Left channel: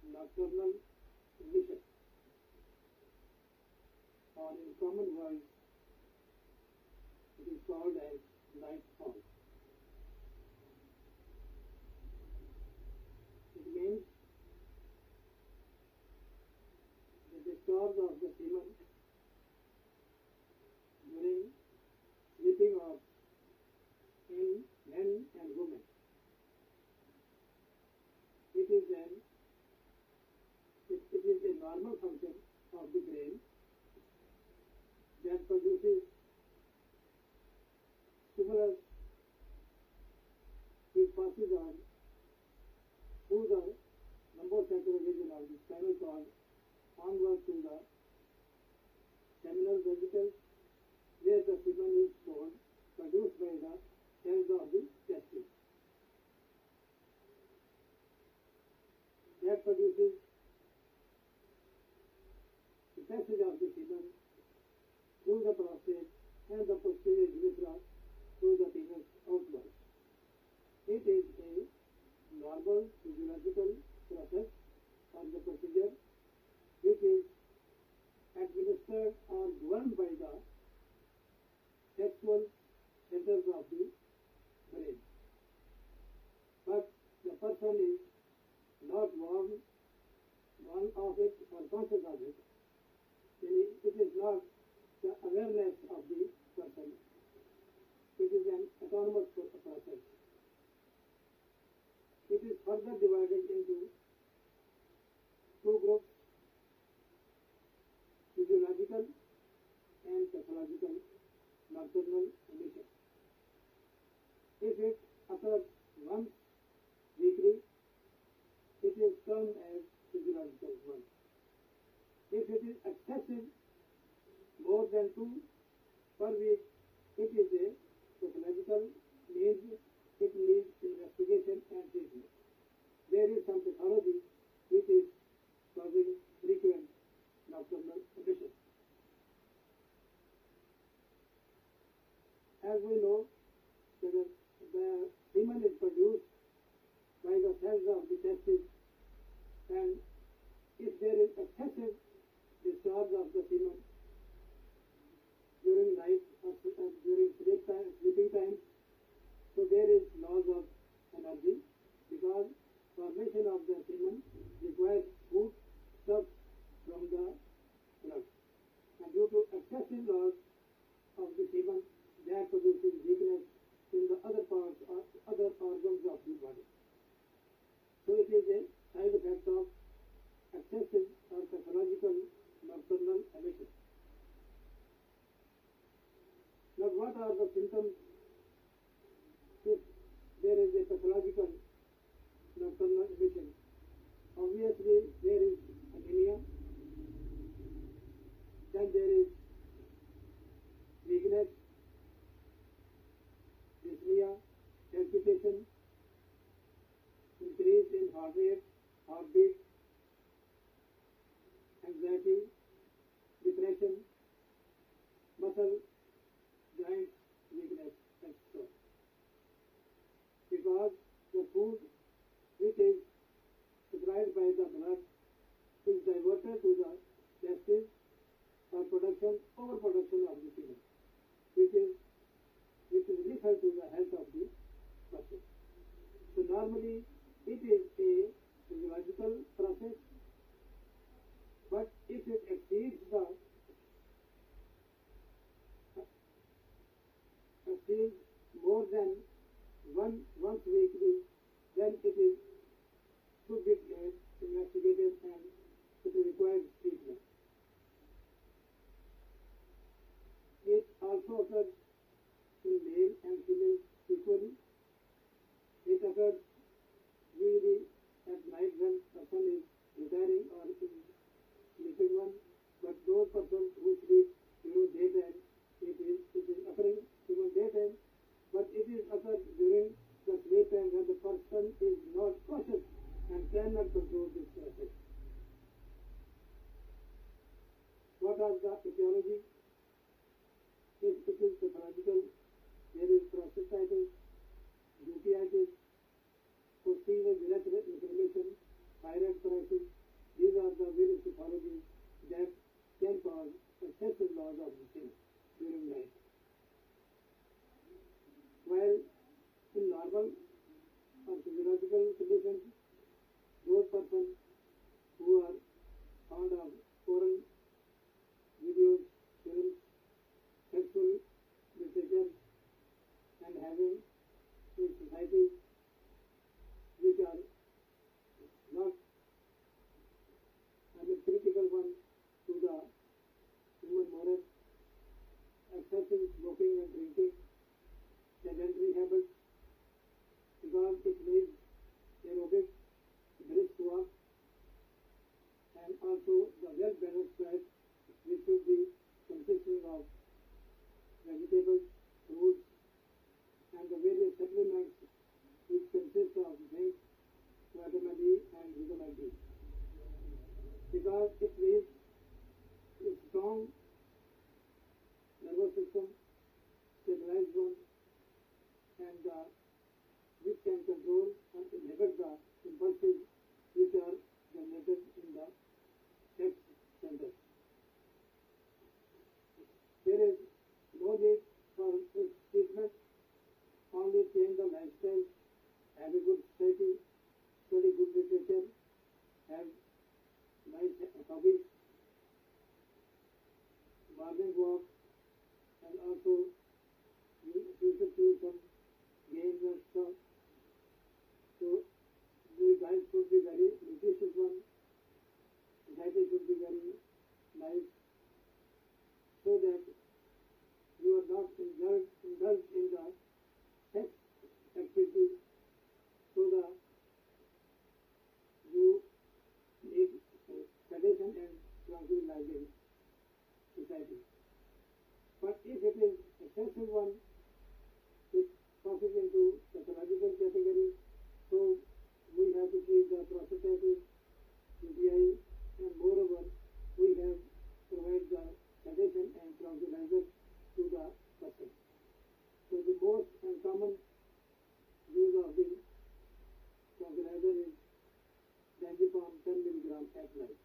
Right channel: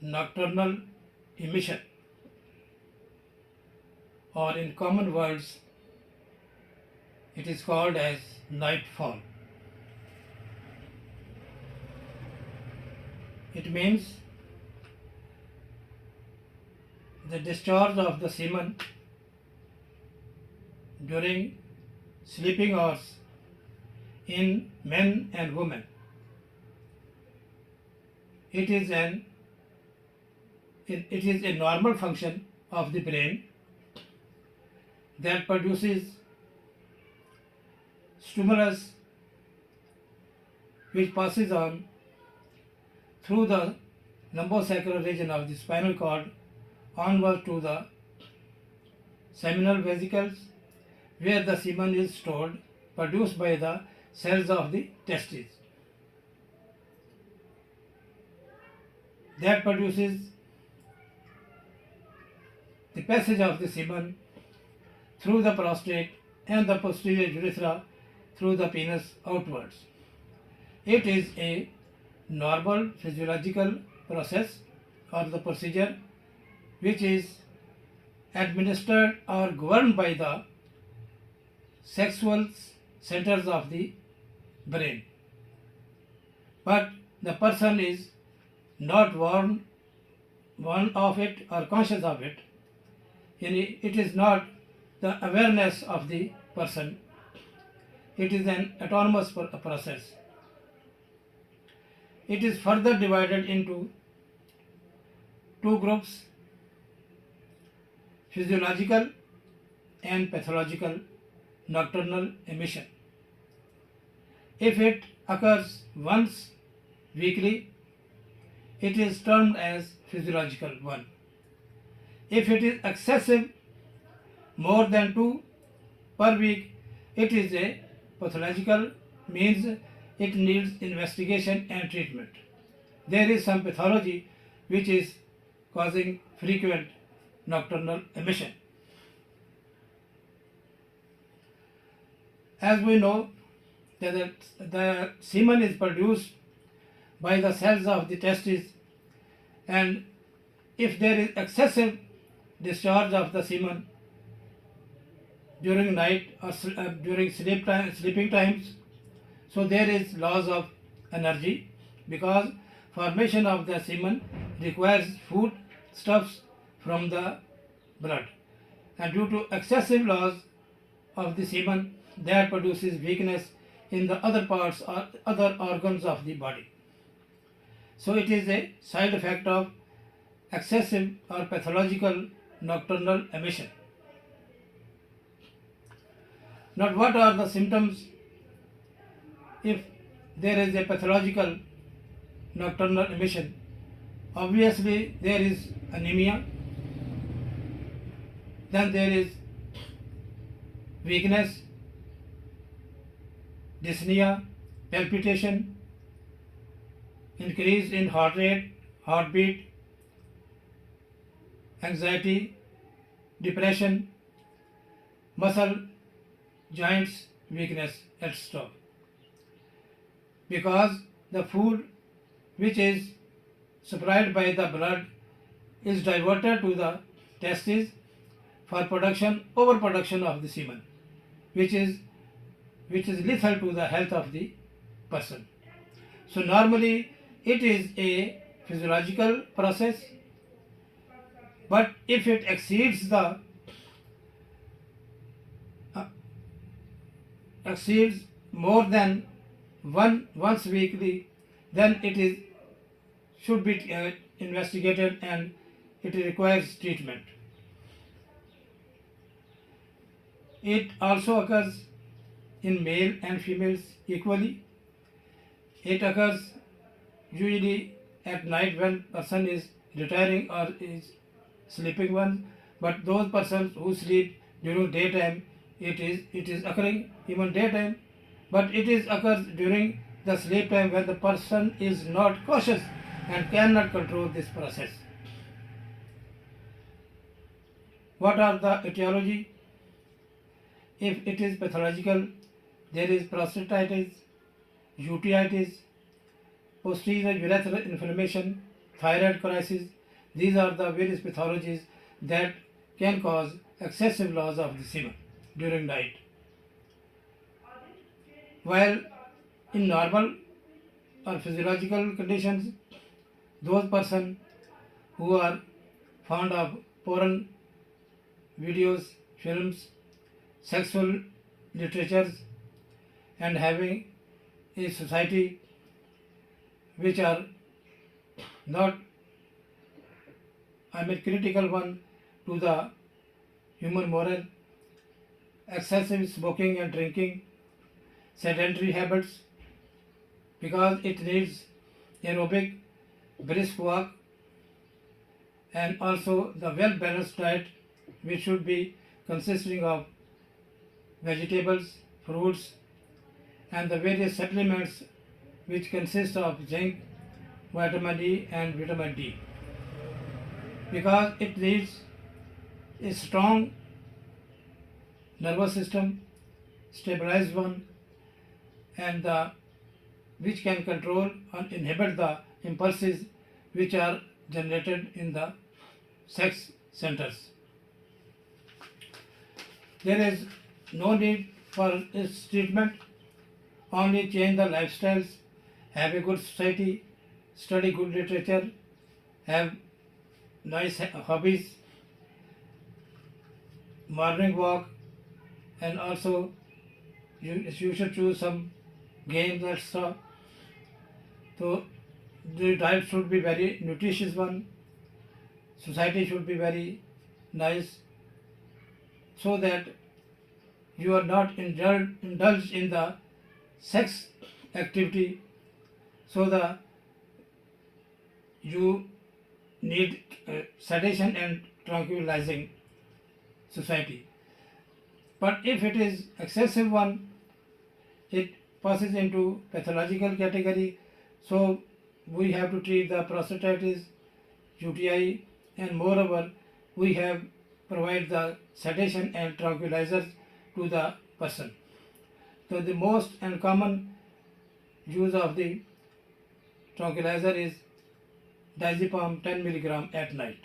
nocturnal emission, or in common words it is called as nightfall. It means the discharge of the semen during sleeping hours in men and women. It is a normal function of the brain that produces stimulus which passes on through the lumbosacral region of the spinal cord onward to the seminal vesicles, where the semen is stored, produced by the cells of the testes. That produces the passage of the semen through the prostate and the posterior urethra through the penis outwards. It is a normal physiological process or the procedure which is administered or governed by the sexual centers of the brain. But the person is not warned of it or conscious of it. It is not the awareness of the person. It is an autonomous process. It is further divided into two groups: physiological and pathological nocturnal emission. If it occurs once weekly, it is termed as physiological one. If it is excessive, more than 2 per week, it is a pathological, means it needs investigation and treatment. There is some pathology which is causing frequent nocturnal emission. As we know that the semen is produced by the cells of the testes, and if there is excessive discharge of the semen during night or during sleeping times, so there is loss of energy, because formation of the semen requires food stuffs from the blood, and due to excessive loss of the semen, that produces weakness in the other parts or other organs of the body. So it is a side effect of excessive or pathological nocturnal emission. Now, what are the symptoms if there is a pathological nocturnal emission? Obviously, there is anemia, then there is weakness, dyspnea, palpitation, increase in heart rate, heartbeat, anxiety, depression, muscle, joints, weakness, etc. Because the food which is supplied by the blood is diverted to the testes for overproduction of the semen, which is lethal to the health of the person. So normally it is a physiological process, but if it exceeds more than once weekly, then it should be investigated and it requires treatment. It also occurs in male and females equally. It occurs usually at night when person is retiring or is sleeping one, but those persons who sleep during daytime, it is occurring even daytime, but it is occurs during the sleep time when the person is not cautious and cannot control this process. What are the etiology? If it is pathological, there is prostatitis, uveitis, posterior urethral inflammation, thyroid crisis. These are the various pathologies that can cause excessive loss of the semen during night. While in normal or physiological conditions, those persons who are fond of porn videos, films, sexual literatures, and having a society which are not, critical one to the human moral, excessive smoking and drinking, sedentary habits, because it needs aerobic, brisk walk, and also the well balanced diet, which should be consisting of vegetables, fruits, and the various supplements which consist of zinc, vitamin E, and vitamin D, because it needs a strong nervous system, stabilized one, and which can control and inhibit the impulses which are generated in the sex centers. There is no need for its treatment, only change the lifestyles, have a good society, study good literature, have nice hobbies, morning walk, and also you should choose some games and stuff. So the diet should be very nutritious one, society should be very nice, so that you are not indulged in the sex activity, so that you need sedation and tranquilizing society. But if it is excessive one, it passes into pathological category, so we have to treat the prostatitis, UTI, and moreover we have provide the sedation and tranquilizers to the person. So the most and common use of the tranquilizer is diazepam 10 milligram at night.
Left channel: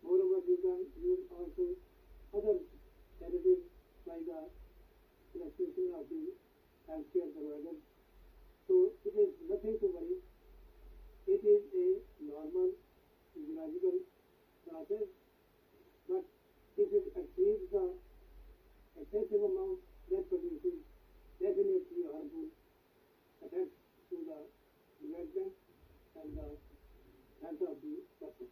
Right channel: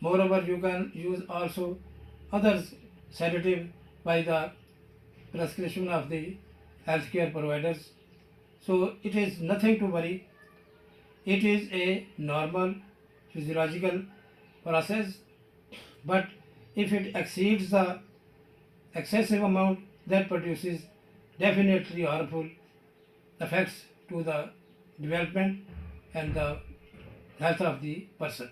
Moreover, you can use also other sedative by the prescription of the healthcare providers. So it is nothing to worry. It is a normal physiological process, but if it exceeds the excessive amount, that produces definitely harmful effects to the development and the health of the person.